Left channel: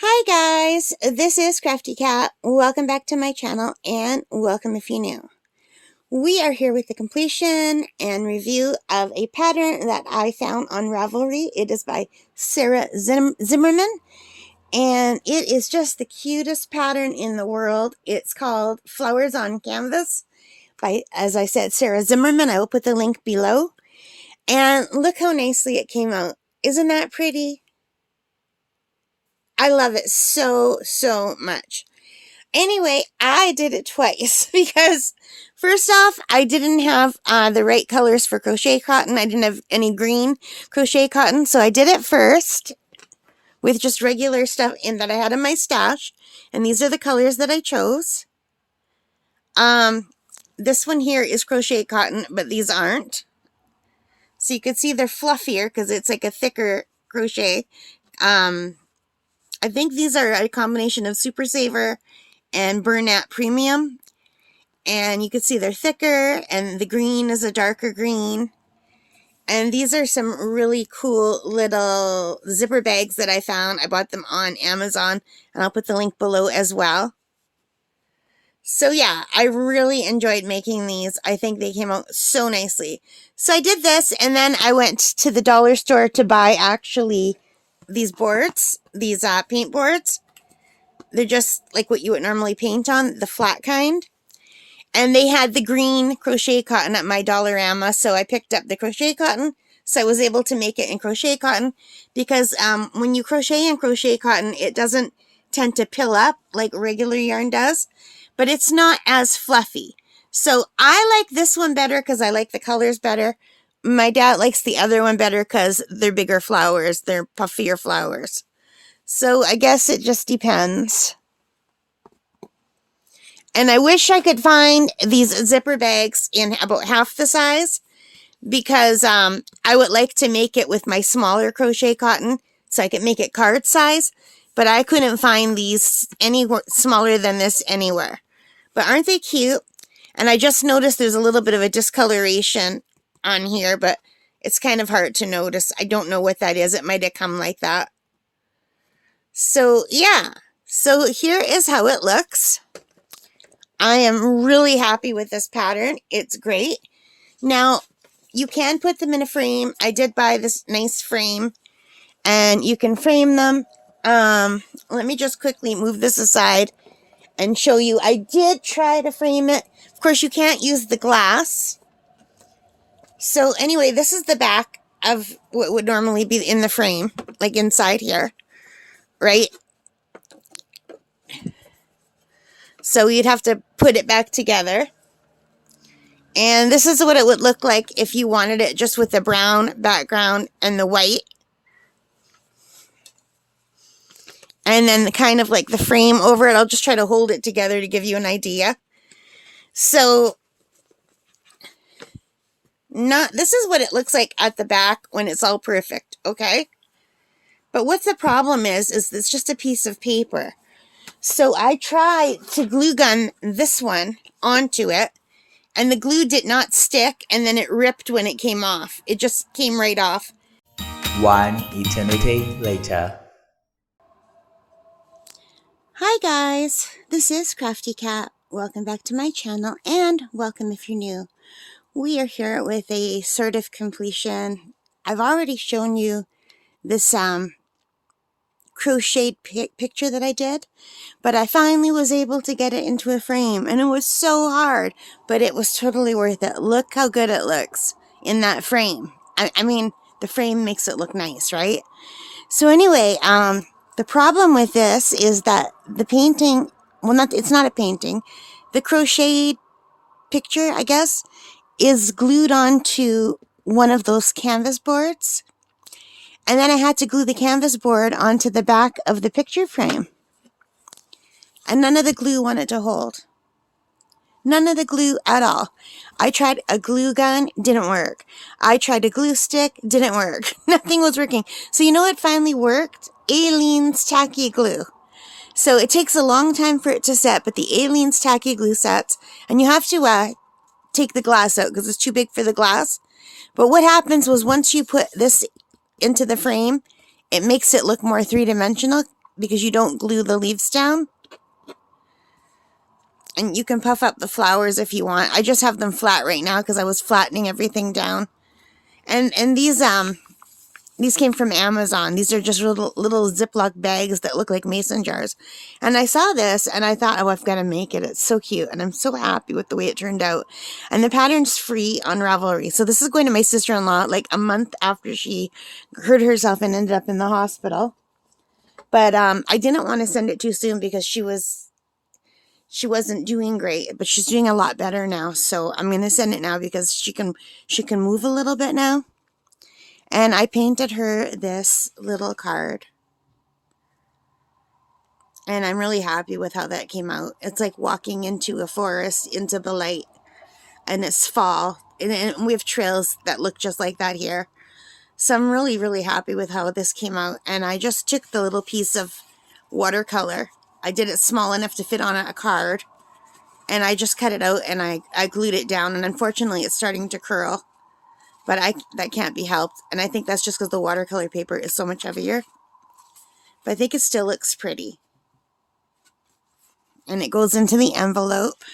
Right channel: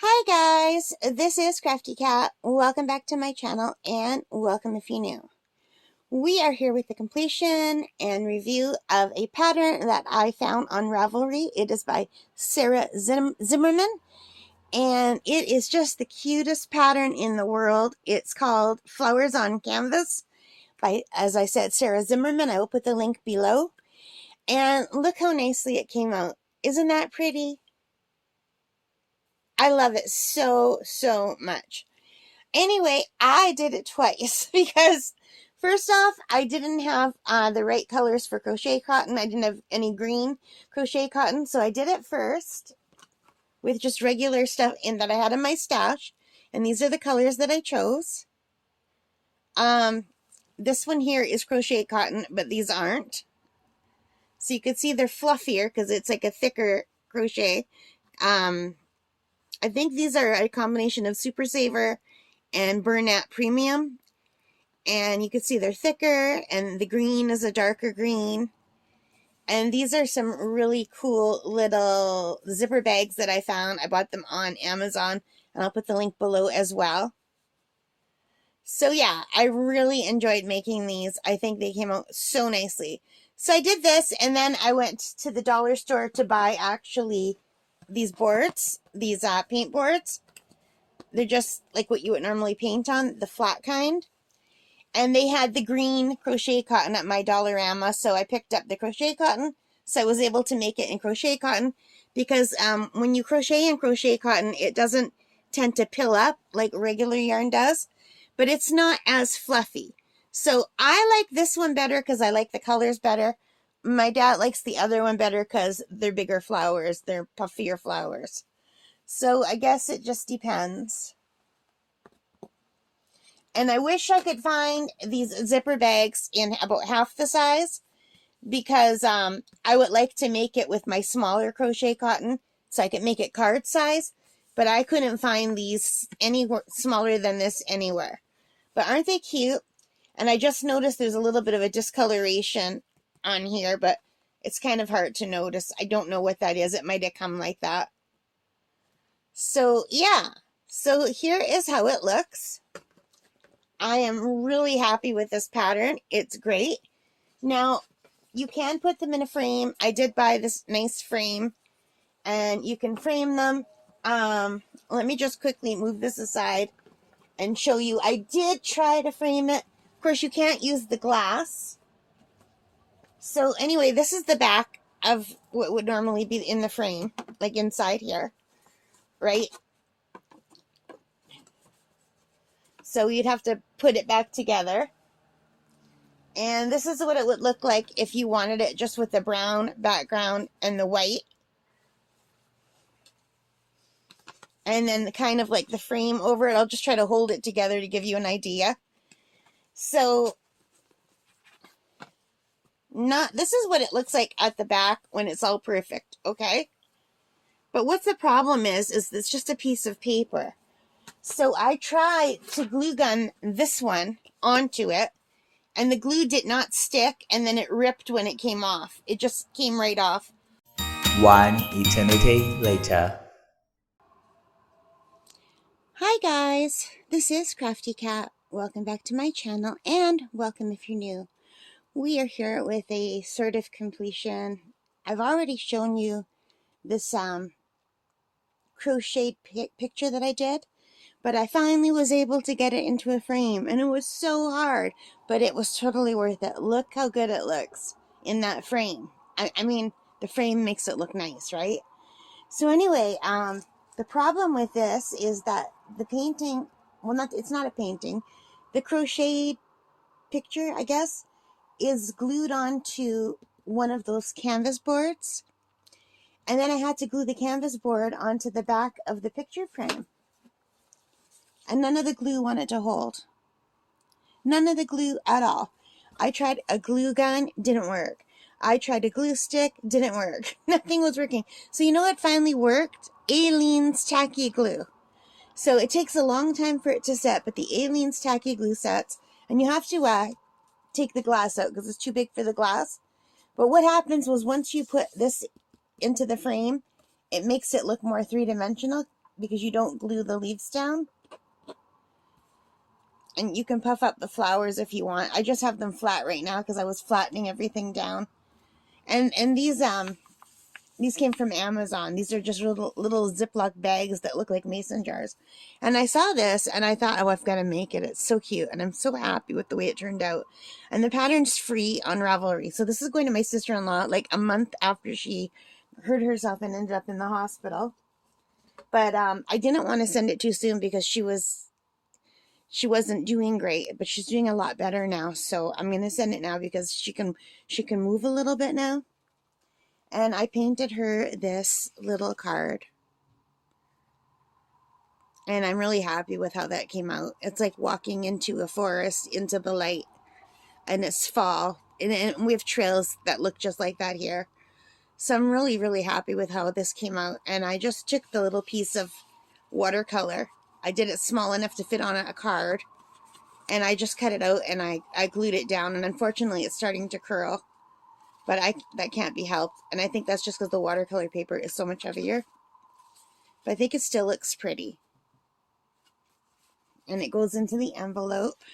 Hi guys, this is Crafty Cat. Welcome back to my channel and welcome if you're new. We are here with the completion and review of a pattern that I found on Ravelry. It is by Sarah Zimmerman and it is just the cutest pattern in the world. It's called Flowers on Canvas by, as I said, Sarah Zimmerman. I will put the link below. And look how nicely it came out. Isn't that pretty? I love it so much. Anyway, I did it twice because first off, I didn't have the right colors for crochet cotton. I didn't have any green crochet cotton, so I did it first with just regular stuff in that I had in my stash. And these are the colors that I chose. This one here is crochet cotton, but these aren't. So you can see they're fluffier because it's like a thicker crochet. I think these are a combination of Super Saver and Bernat Premium. And you can see they're thicker, and the green is a darker green. And these are some really cool little zipper bags that I found. I bought them on Amazon, and I'll put the link below as well. So yeah, I really enjoyed making these. I think they came out so nicely. So I did this, and then I went to the dollar store to buy actually these boards, these paint boards. They're just like what you would normally paint on, the flat kind. And they had the green crochet cotton at my Dollarama, so I picked up the crochet cotton. So I was able to make it in crochet cotton because when you crochet in crochet cotton, it doesn't tend to pill up like regular yarn does, but it's not as fluffy. So I like this one better because I like the colors better. My dad likes the other one better because they're bigger flowers, they're puffier flowers. So I guess it just depends. And I wish I could find these zipper bags in about half the size because I would like to make it with my smaller crochet cotton so I could make it card size. But I couldn't find these any smaller than this anywhere. But aren't they cute? And I just noticed there's a little bit of a discoloration on here, but it's kind of hard to notice. I don't know what that is. It might have come like that. So yeah, so here is how it looks. I am really happy with this pattern. It's great. Now, you can put them in a frame. I did buy this nice frame, and you can frame them. Let me just quickly move this aside and show you. I did try to frame it. Of course, you can't use the glass. So anyway, this is the back of what would normally be in the frame, like inside here, right? So you'd have to put it back together. And this is what it would look like if you wanted it just with the brown background and the white. And then kind of like the frame over it. I'll just try to hold it together to give you an idea. So this is what it looks like at the back when it's all perfect, okay? But what the problem is it's just a piece of paper. So I tried to glue gun this one onto it, and the glue did not stick, and then it ripped when it came off. It just came right off. One eternity later. Hi guys, this is Crafty Cat. Welcome back to my channel, and welcome if you're new. We are here with a sort of completion. I've already shown you this crocheted picture that I did, but I finally was able to get it into a frame, and it was so hard, but it was totally worth it. Look how good it looks in that frame. I mean, the frame makes it look nice, right? So anyway, the problem with this is that the painting, well, it's not a painting, the crocheted picture, I guess, is glued onto one of those canvas boards. And then I had to glue the canvas board onto the back of the picture frame. And none of the glue wanted to hold. None of the glue at all. I tried a glue gun, didn't work. I tried a glue stick, didn't work. Nothing was working. So you know what finally worked? Aleene's tacky glue. So it takes a long time for it to set, but the Aleene's tacky glue sets. And you have to take the glass out because it's too big for the glass. But what happens was once you put this into the frame, it makes it look more three-dimensional because you don't glue the leaves down. And you can puff up the flowers if you want. I just have them flat right now because I was flattening everything down. And these came from Amazon. These are just little Ziploc bags that look like mason jars. And I saw this and I thought, oh, I've got to make it. It's so cute. And I'm so happy with the way it turned out. And the pattern's free on Ravelry. So this is going to my sister-in-law like a month after she hurt herself and ended up in the hospital. But I didn't want to send it too soon because she wasn't doing great, but she's doing a lot better now. So I'm going to send it now because she can move a little bit now. And I painted her this little card. And I'm really happy with how that came out. It's like walking into a forest, into the light. And it's fall. And we have trails that look just like that here. So I'm really, really happy with how this came out. And I just took the little piece of watercolor. I did it small enough to fit on a card. And I just cut it out and I glued it down. And unfortunately, it's starting to curl. But that can't be helped. And I think that's just because the watercolor paper is so much heavier. But I think it still looks pretty. And it goes into the envelope.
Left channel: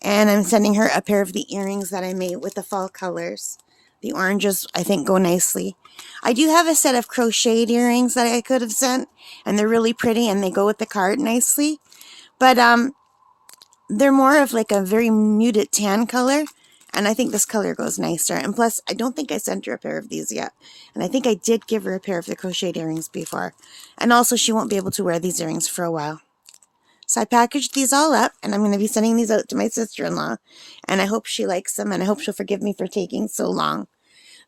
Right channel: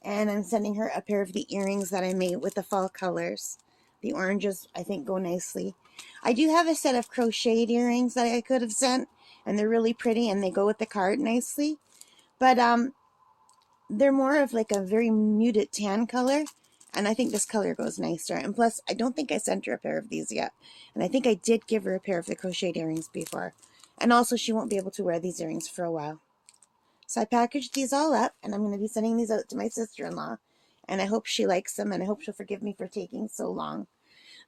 And I'm sending her a pair of the earrings that I made with the fall colors. The oranges, I think, go nicely. I do have a set of crocheted earrings that I could have sent. And they're really pretty and they go with the card nicely. But they're more of like a very muted tan color. And I think this color goes nicer. And plus, I don't think I sent her a pair of these yet. And I think I did give her a pair of the crocheted earrings before. And also, she won't be able to wear these earrings for a while. So I packaged these all up. And I'm going to be sending these out to my sister-in-law. And I hope she likes them. And I hope she'll forgive me for taking so long.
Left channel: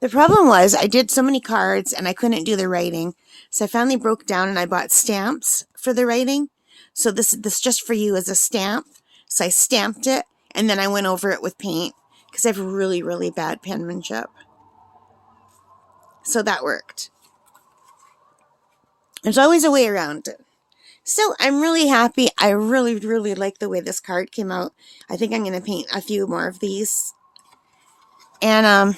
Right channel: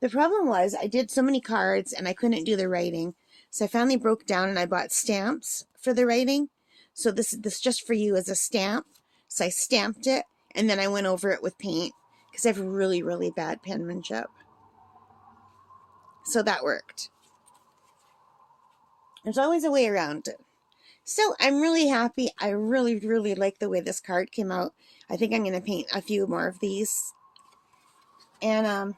The problem was, I did so many cards and I couldn't do the writing. So I finally broke down and I bought stamps for the writing. So this just for you as a stamp. So I stamped it. And then I went over it with paint. Because I have really, really bad penmanship. So that worked. There's always a way around it. So I'm really happy. I really, really like the way this card came out. I think I'm going to paint a few more of these. And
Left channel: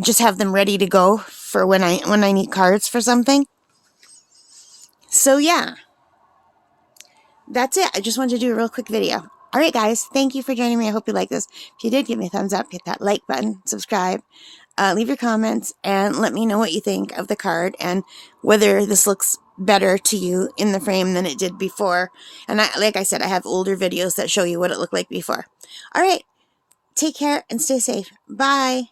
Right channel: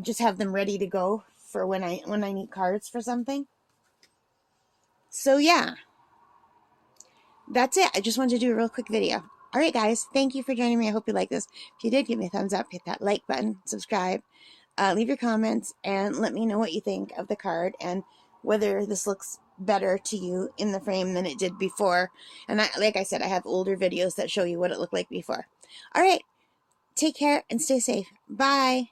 just have them ready to go for when I need cards for something. So yeah. That's it. I just wanted to do a real quick video. Alright guys, thank you for joining me. I hope you like this. If you did, give me a thumbs up, hit that like button, subscribe, leave your comments, and let me know what you think of the card and whether this looks better to you in the frame than it did before. And like I said, I have older videos that show you what it looked like before. Alright, take care and stay safe. Bye!